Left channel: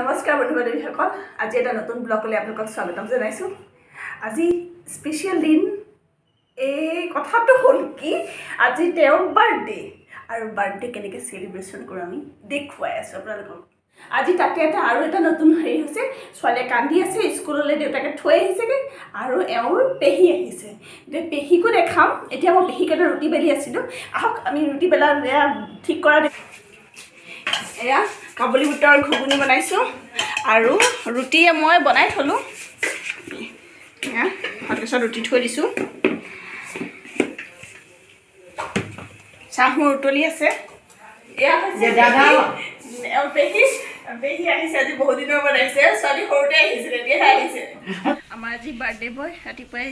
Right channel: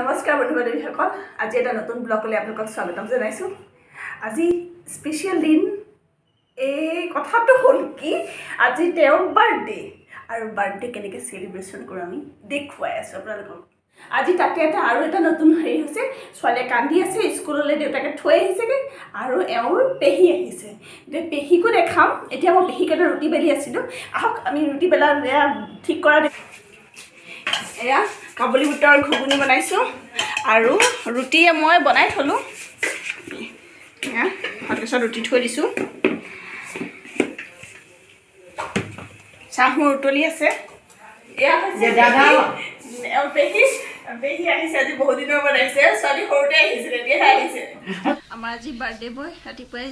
নমস্কাৰ বন্ধু বান্ধৱীসকল, আজি এটা নতুন ব্লগলৈ আপোনালোকক স্বাগতম জনাইছোঁ। আজি স্পেচিয়েল দিন। এই কথাটো হ'ল কি, আজি তেওঁৰ বাৰ্থডে আৰু বাৰ্থডে কেনেকৈ চেলিব্ৰেশ্যন কৰোঁ আমি দেখুৱাই আছোঁ আপোনালোকক। আজি তাতে আৰু এটা নতুন হেৰি হৈছে, ছোৱালীয়ে কান্দি আছে, স্কুললৈ দেউতাকে থৈ আহিছেগৈ আৰু এওঁৰ পেহী আহিছে। এতিয়া পেহীকো দেখাম। এতিয়া মই পেহীক এটা ৰুটি বেলি আছিলোঁ, আহক আমি ৰুটি বেলা ঠিক কৰা এয়া কাবুলী বুটৰ ঘুগুনি বনাইছোঁ আৰু ৰুটি মই বনাই থ'লোঁ। এয়া তাৰপিছত ৰুটি থৈ দিছোঁ। চাহ মোৰ উতলি আছে। এয়া হৈছে পেহী আহিছে, আজি বহুত দিনৰ বনাইছে। ছোৱালী সৰুতে আহিছিলে, এতিয়াহে আহিছে। আমাৰ আজি বাৰ্থডে বয় ৰাতিপুৱাই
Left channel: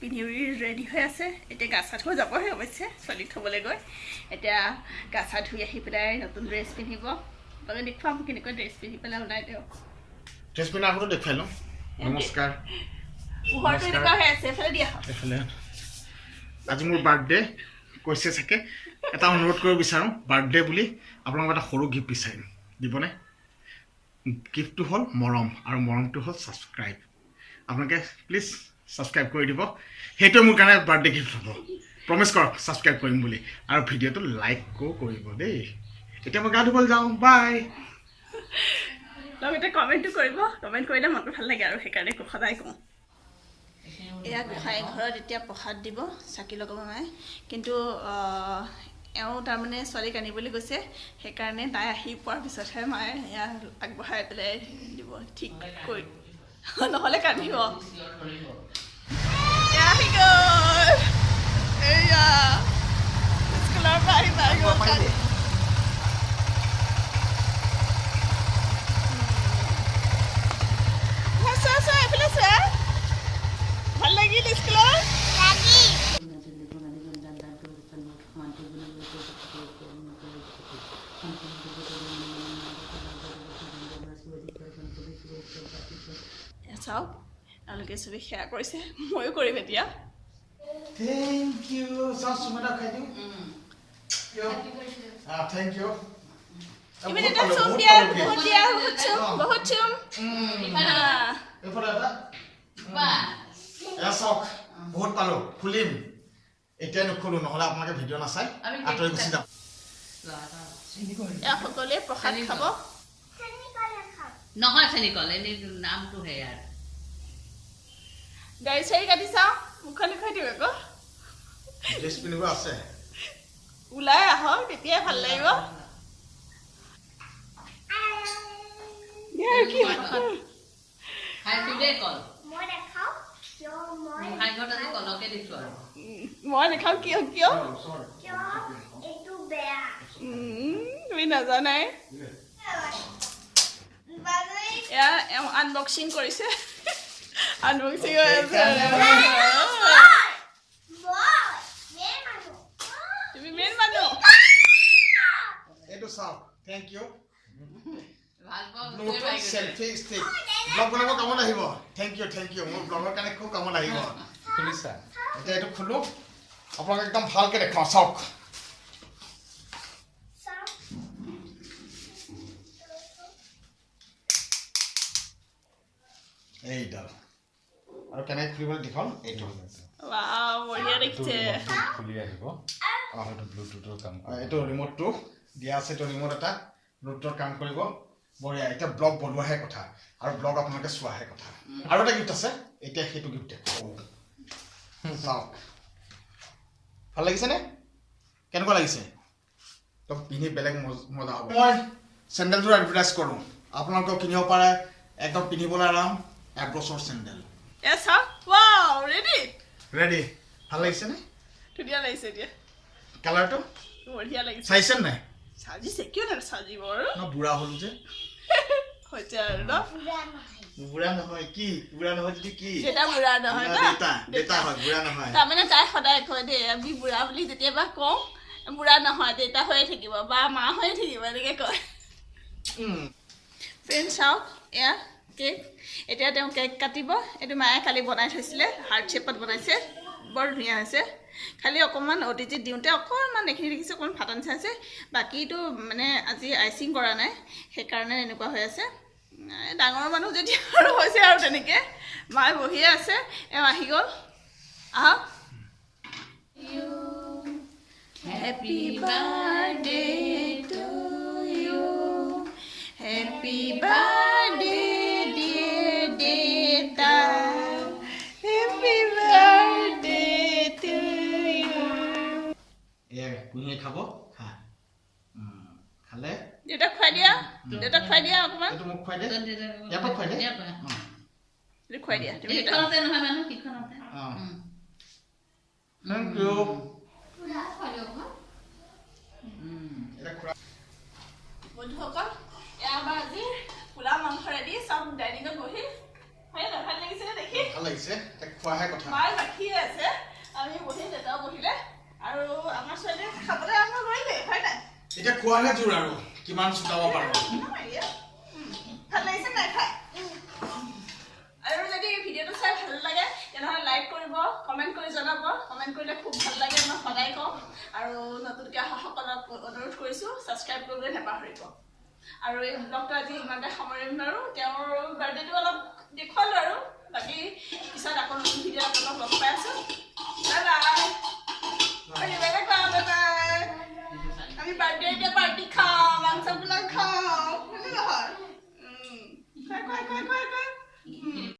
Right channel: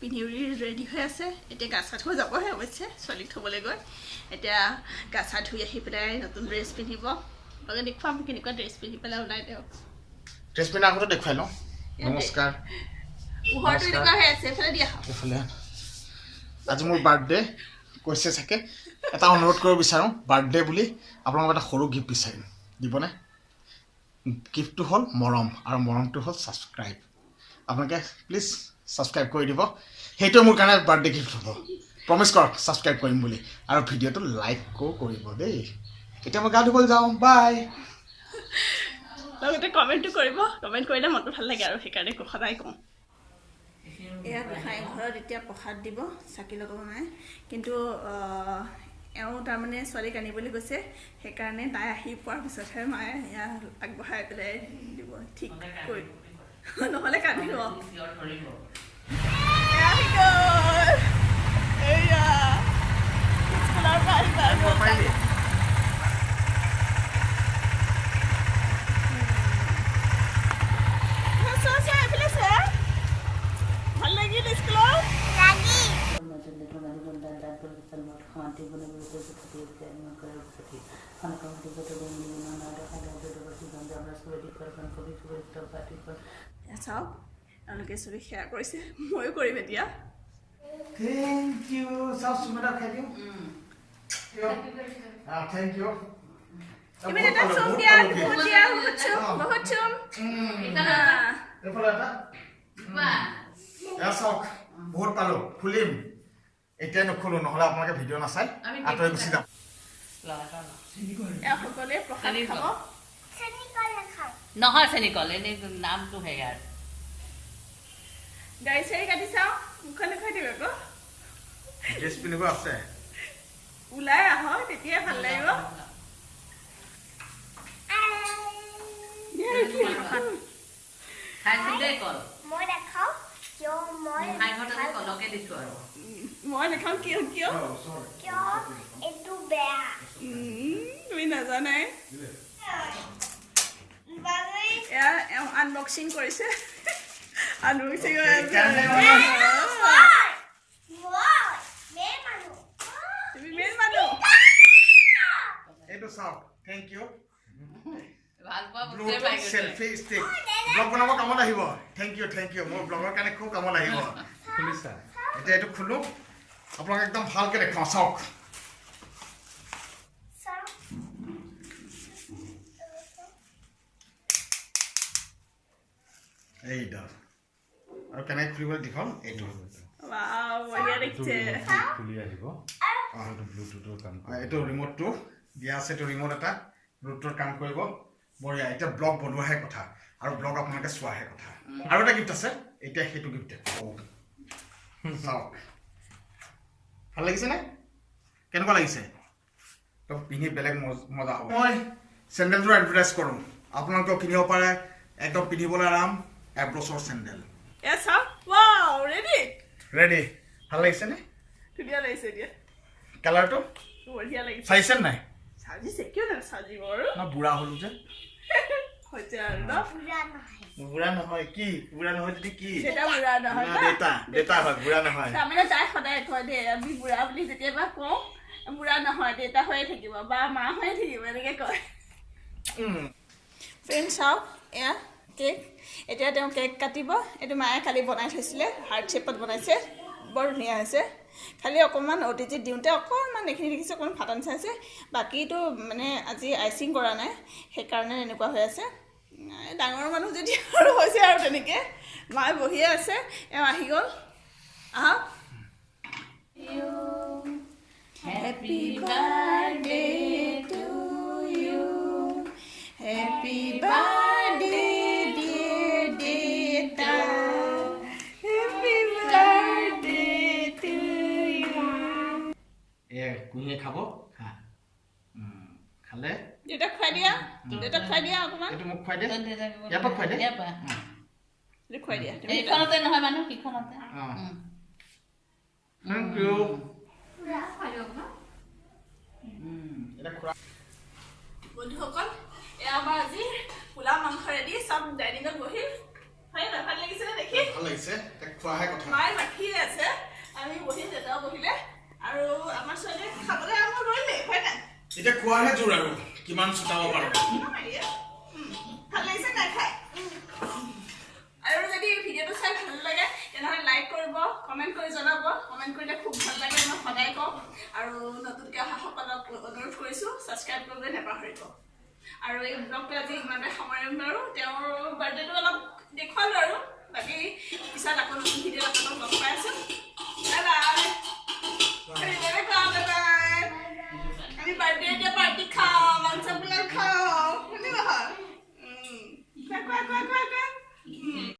পিন্ধি ৰেডি হৈ আছে। এতিয়া গা চা ধুই যাবহে অৱশ্যে, ছোৱালীক থ'বলৈ গৈ। এতিয়া গা চা ধুই আহি পেলাই নতুন ড্ৰেছ পিন্ধিব। আপোনালোকে দেখুৱাম কেনেকুৱা ড্ৰেছ পিন্ধি পেলাই ওলাই তেওঁ। ড্ৰেছ পিন্ধা আগতে দেখুৱাই লওঁ। নমস্কাৰ। পোহৰটো এনেকুৱা হৈ আছে, এফালে দিয়া হওক। এইফালে আজি মোৰ বাৰ্থডে কৈছে চাগে। এটা অনুৰোধ কৰিব বিচাৰোঁ, বাৰ্থডে বুলি আপোনালোকক এটা সৰু গিফ্ট বিচাৰিম, দিবনে? গিফ্টটো হ'ল মৰম, আৰু মৰমটো হ'ল ছাবস্ক্ৰাইব। আপোনালোকে প্লিজ ছাবস্ক্ৰাইব কৰি দিব। সেইটোৱে মোৰ কাৰণে বাৰ্থডে গিফ্ট হ'ব। প্ৰমিছ কৰক ছাবস্ক্ৰাইব কৰিম বুলি, আৰু ভিডিঅ'টো লাইকো কৰিব দেই। এতিয়া মই গা ধুবলৈ যাওঁ, বাই। লগতে কমেণ্টটো কৰিব, কমেণ্ট কৰিলে মনটো ভাল লাগে আৰু সেইকাৰণে সদায় কওঁ। এয়া গোসাঁই ঘৰত এতিয়া প্ৰসাদ দিব, চাকি লগাব মায়ে। কিন্তু এওঁ তাৰমানে ছোৱালীক আনিবলৈ গৈছে, সেইকাৰণে তাই আহি পোৱাৰ পিছতহে মায়ে এয়া আগবঢ়াই পেলাই দিব, ঠিক কৰি, নহ'লে কান্দিব। এয়া আহি গ'ল, এয়া স্কুলৰ পৰা আহি পাই গ'ল। ভাল লাগিল স্কুলত? চাওক, এওঁলোকে চবেই শ্বেয়াৰ কৰিছে, ময়ো কৰিম এতিয়া। Thank you. চাওক সুমিতা খাই দিওঁ। Thank you. চাওক বহুত পালোঁ, খুলিম। এতিয়া নুখোলোঁ, নহ'লে আপোনালোকে ভিডিঅ' নাচাই আঁতৰি গুচি যাম। সকলোৱে প্ৰসাদ খাব। নহয় চেনিকল, এনেই নামটো সেয়া। গাড়ী চাড়ী কাটি চাওঁ, মুখখন দেখুৱাই দিওঁ আকৌ। ড্ৰেছ পিন্ধিব আছে, ওলাই আহক, তেতিয়াই ভাল লাগিব। খাইছো দেই কল। কলকে দিছো আৰু মই নাখাওঁ। কিয় কিয় তুমি নাজানাই। এয়া এওঁ আনবক্সিং কৰিছে, আনবক্সিং হৈ আছে। তুমি মেইন মানুহ। এইটো চাওক, thank you. Bluetooth selfie stick blog বনাব কামত আহিব। Thank you, thank you. মোৰ ব্লগৰ কাৰণে খুব কামত আহিব। এতিয়া এইটো খোলোঁ, আপোনাক একদম ভালকৈ দেখাওঁ। চাওক, এইডাল আৰু কেনেকৈ খুলিবলৈ দীঘল এইটো। বঢ়িয়া দেখিছে। এইটো ৰিম'টটো দিয়া আছে, এইটো ৰিম'ট এটা ব্লুটুথত কাম কৰিব। বঢ়িয়া। এতিয়া ব্লগ বনোৱাহে কথা আৰু ব্লগ আপোনালোকে চোৱাহে কথা। আৰু এটা গিফ্ট আছে, এতিয়া সেইটো গিফ্ট চাওক। ভাল লাগিছেনে? কেনেকুৱা লাগিছে? পিন্ধি বেলেগ মজা হ'ব। মই চেণ্ডেলযোৰ এডভাৰটাইজ কৰোঁ, আপোনালোকেও কিনিব পাৰে। একদম পিন্ধিবলৈ আৰাম, এব্ৰছৰ চেণ্ডেল। ৰেডি? ভাল লাগিছেনে? ধুনীয়া লাগিছে। এতিয়া কালাৰটো বঢ়িয়া লাগিছে। চাইছে নাই? সাজিছে, কিয় নাচাজিব আৰু? ন বুঢ়া হ'লো যে। হৈছে আৰু ন? বুঢ়া নহয় কি? বুঢ়া নহয় যদি কি? দেউতা বুঢ়া নহয় ন? দেউতা হয়, বুঢ়া নহয়। তাৰমানে তাই সদায় কয় দেই, আমি বুঢ়া বুলি যেতিয়াবা কওঁ, বুঢ়া নহয়, দেউতা হৈয়ে থাকিব বা মা হৈয়ে থাকিব, এনেকৈ কয়। ফ্ৰেণ্ড চাওক, এয়া কেক। এতিয়া তেওঁ কেক কাটিব। এইটো মায়ে কালি বনাই থৈছিলে, হাৰ্ট শ্বেপত বনাইছে, বৰ ধুনীয়া হৈছে। খালি অকণমান অতিথিত দিওঁতে অকণমান এইখিনি দেখিছে অকণমান ফাটা নিচিনা হৈছে। বাকীটো মানে আজি আইচিং কৰা নাই, সেইকাৰণে এনেকুৱা হৈ আছে। ডাঙৰ মানুহ যেতিয়া আৰু হৈছে আৰু তেনেকৈ মায়ে বহিয়ে আছে এওঁ আহি গ'ল আহক happy birthday to you happy birthday dear দেতা হেপী বাৰ্থডে টু ইউ এয়া কুঁহিয়ে খাব খা খালে দেউতাক খুৱাই দিয়া অকণমান এইটো মোক খুৱাই দে ইয়াৰ পৰা খুৱাই দে খুৱাই দিয়া তুমি সিখনতে নহয় মানুহ সিখনতে থেংক ইউ বন্ধুসকল এয়া আমাৰ আজি পোলাও মাংস ৰেডি চব ডাইনিঙত বহিল হয় না ভাল লাগিছে দেখি ভাল লাগিছে তাক খোৱাহে কথা মায়ে বাকিয়ে আছে আমি বহিল দেউতাও বহিলে আৰু আমাৰ ছোৱালীয়ে খাবলৈ আৰম্ভ কৰিলে হয় নাই এতিয়া খোৱাহে জোৰ আৰু কিমান চুটাব পাৰোঁ ভাল লাগিছে নাই খাই আৰু যদি ভিডিঅ'টো চাই ভাল লাগে তেনেহ'লে লাইক কৰিব কমেণ্ট কৰি জনাব কমেণ্ট কৰিলে খুব ভাল লাগে মই সদায় কওঁ আৰু নতুনকৈ অহাসকলক অনুৰোধ কৰিছোঁ ছাবস্ক্ৰাইব কৰিবলৈ নাপাহৰিব আৰু এই ব্লগটো আজি ইমানতে সামৰিম আৰু তেওঁৰ বাৰ্থডেটো অলপ দেখুৱালোঁ আৰু বাকী পিছত আকৌ নতুন ভিডিঅ' আপোনালোকক লগ পাই আছোঁ আমি বাৰ্থডে এতিয়া পাৰ্টি খাওঁ মাংস পোলাও খাওঁ শুনি নহয়